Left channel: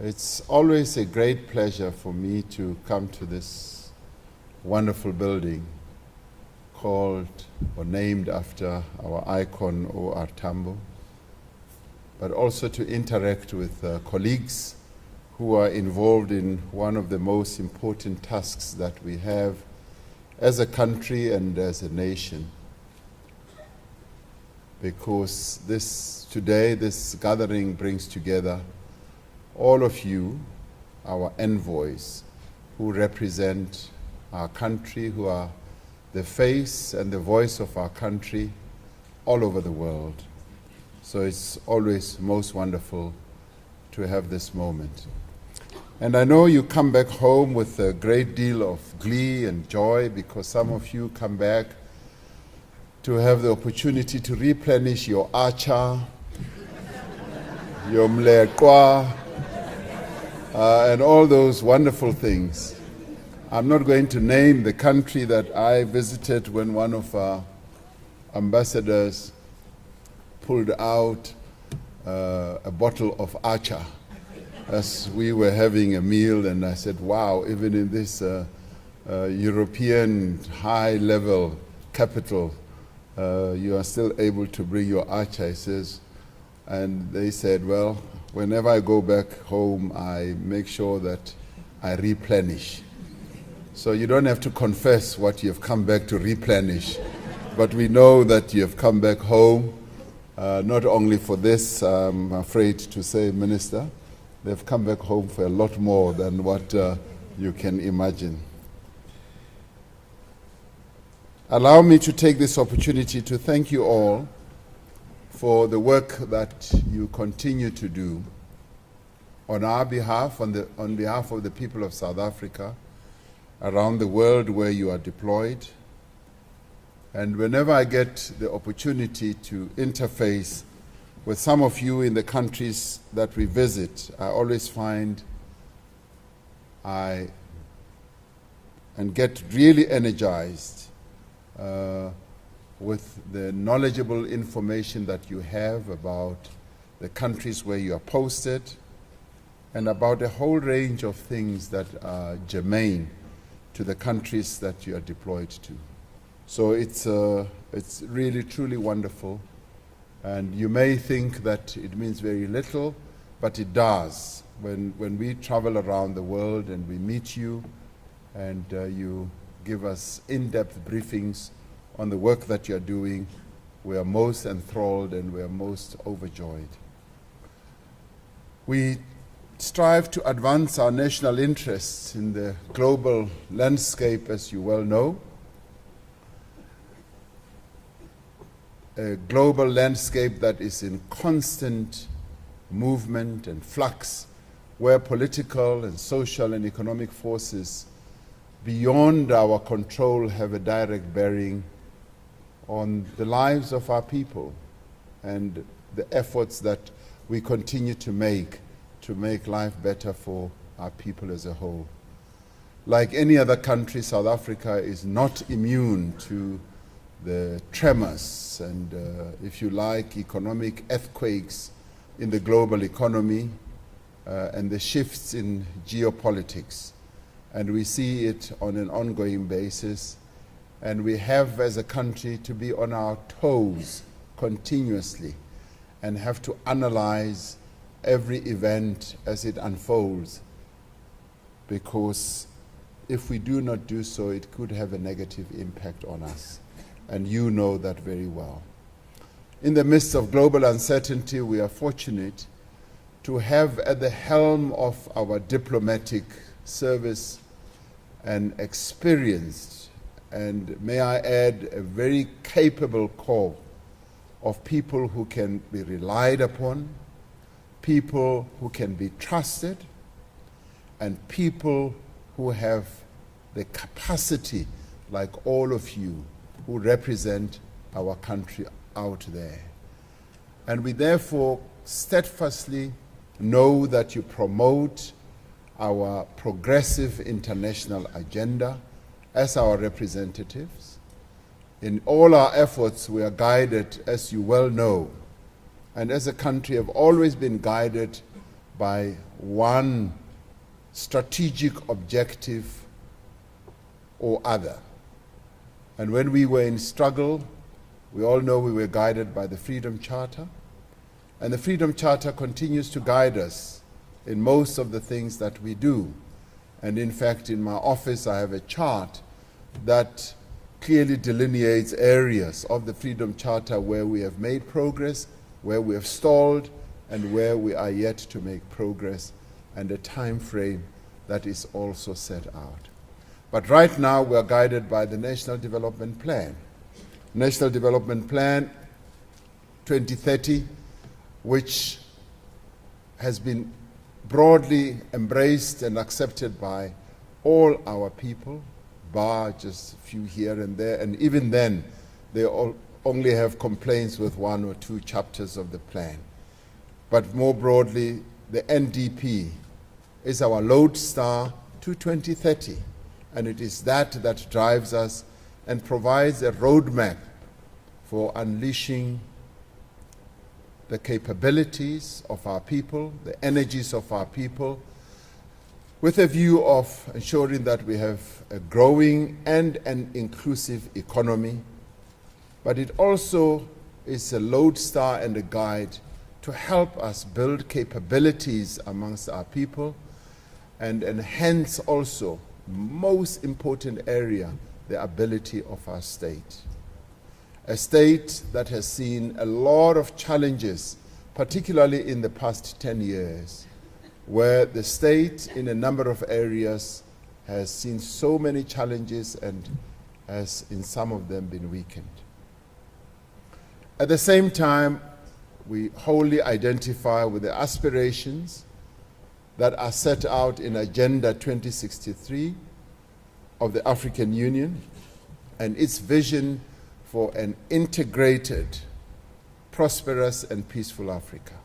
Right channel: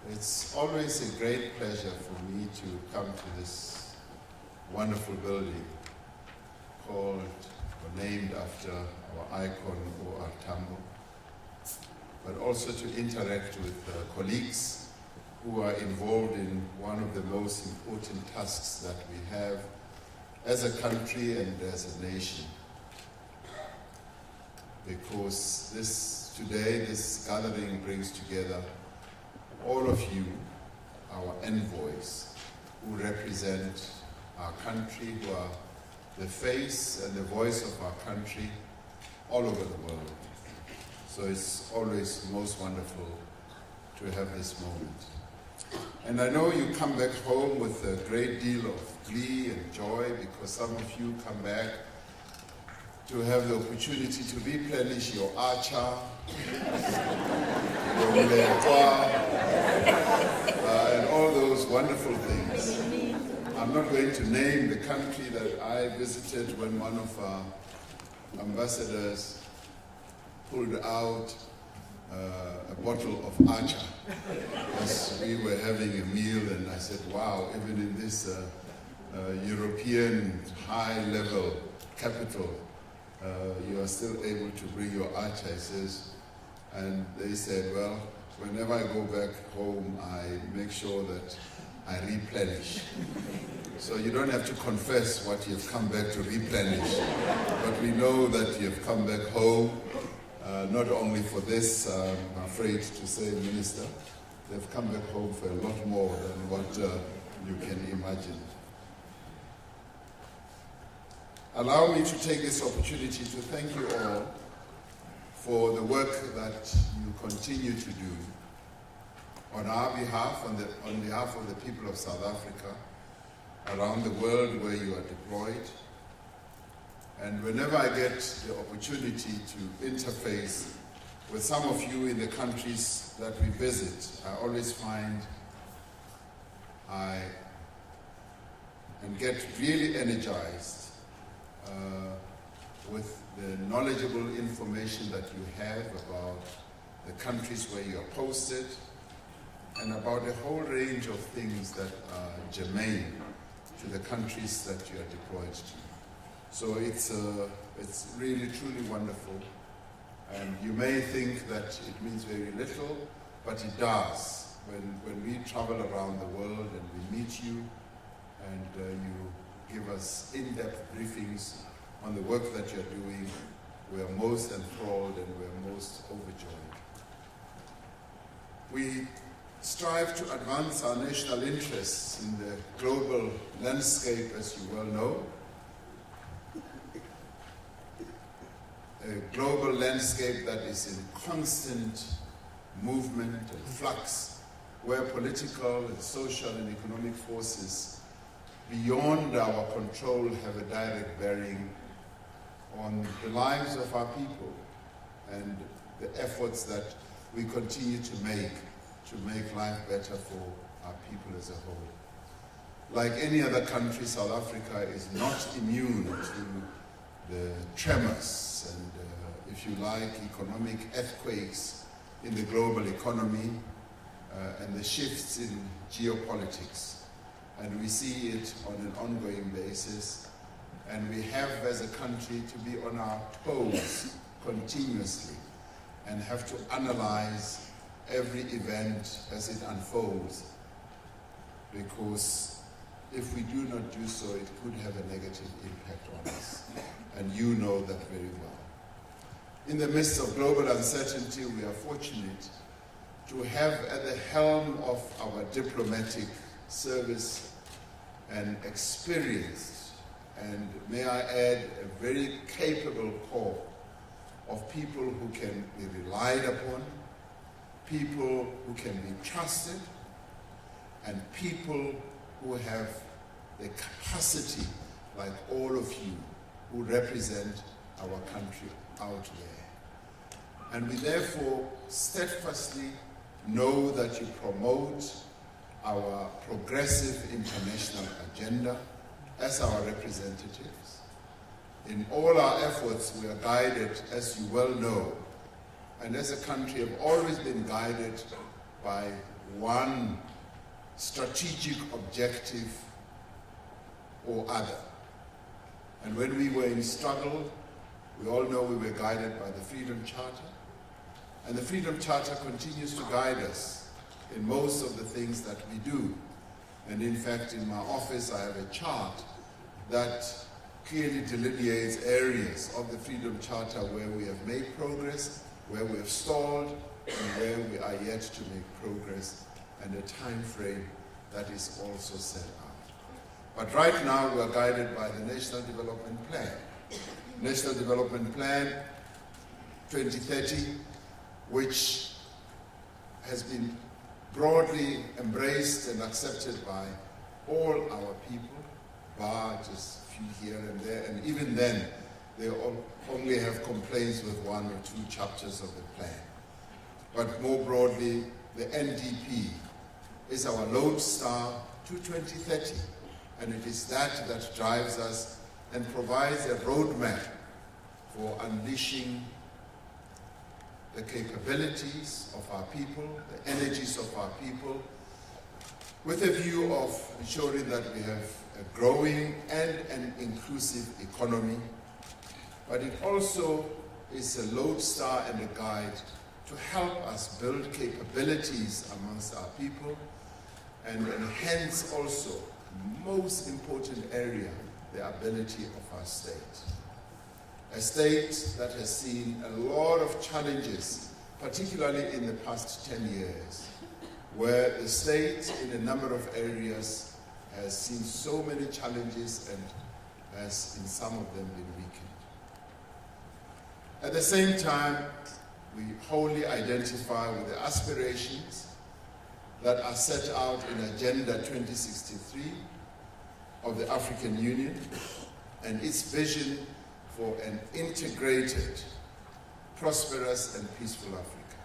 It's always a great pleasure for me to come to this wonderful building called or named after our icon O.R. Tambo, but also to interact with colleagues who are involved in one of the most important tasks that we have as a country and as a nation. Because this gathering brings together all of you, our envoys, who represent our country, who are the face and the voice of our country all over the world. So it's always most wonderful to have this moment. And I know you come back home with a great deal of glee and joy, because some of you come back to have the opportunity to replenish your acha, your mlekwa, and all those wonderful things. I'm not going to name the country that I visited when one of our ambassadors pulled out a bottle of acha as we were having a meal, and I said, wow, even in this European high-level capital, you are still able to bring your acha, he says. And they said, well, whenever I go back home, I make sure that I replenish. So you don't have to confess what you've come back to replenish, but we know that you've come back home, not only for this, I'm afraid to say, Minister, they've come back home for a lot more than what you can imagine. Allow me to take this opportunity to thank you all for the work that you continue to do on our behalf, on behalf of the people of South Africa, around the world where you are deployed. And whenever I get the opportunity to interface with some of you in the countries that we visit, I always find and get really energized with the knowledgeable information that you have about the countries where you are posted and about a whole range of things that are germane to the countries that you are deployed to. So it's really, truly wonderful. And you may think that it means very little, but it does. When we travel around the world and we meet you and you give us in-depth briefings on the work that you're doing, we are most enthralled and we are most overjoyed. We strive to advance our national interests in the global landscape, as you well know. A global landscape that is in constant movement and flux, where political and social and economic forces beyond our control have a direct bearing on the lives of our people and the efforts that we continue to make life better for our people as a whole. Like any other country, South Africa is not immune to the tremors and, if you like, economic earthquakes in the global economy and the shifts in geopolitics. And we see it on an ongoing basis. And we have, as a country, to be on our toes continuously and have to analyze every event as it unfolds, because if we do not do so, it could have a negative impact on us. And you know that very well. In the midst of global uncertainty, we are fortunate to have at the helm of our diplomatic service an experienced, and may I add, a very capable corps of people who can be relied upon, people who can be trusted, and people who have the capacity, like all of you, who represent our country out there. And we therefore steadfastly know that you promote our progressive international agenda as our representatives. In all our efforts, we are guided, as you well know, and as a country have always been guided by one strategic objective or other. And when we were in struggle, we all know we were guided by the Freedom Charter. And the Freedom Charter continues to guide us in most of the things that we do. And in fact, in my office, I have a chart that clearly delineates areas of the Freedom Charter where we have made progress, where we have stalled, and where we are yet to make progress, and a time frame that is also set out. But right now, we are guided by the National Development Plan. National Development Plan 2030, which has been broadly embraced and accepted by all our people, bar just a few here and there, and even then, they only have complaints with one or two chapters of the plan. But more broadly, the NDP is our lodestar to 2030, and it is that that drives us and provides a roadmap for unleashing the capabilities of our people, the energies of our people, with a view of ensuring that we have a growing and an inclusive economy. But it also is a lodestar and a guide to help us build capabilities amongst our people and enhance also, most important area, the ability of our state. A state that has seen a lot of challenges, particularly in the past 10 years, where the state in a number of areas has seen so many challenges and has in some of them been weakened. At the same time, we wholly identify with the aspirations that are set out in Agenda 2063 of the African Union and its vision for an integrated, prosperous and peaceful Africa.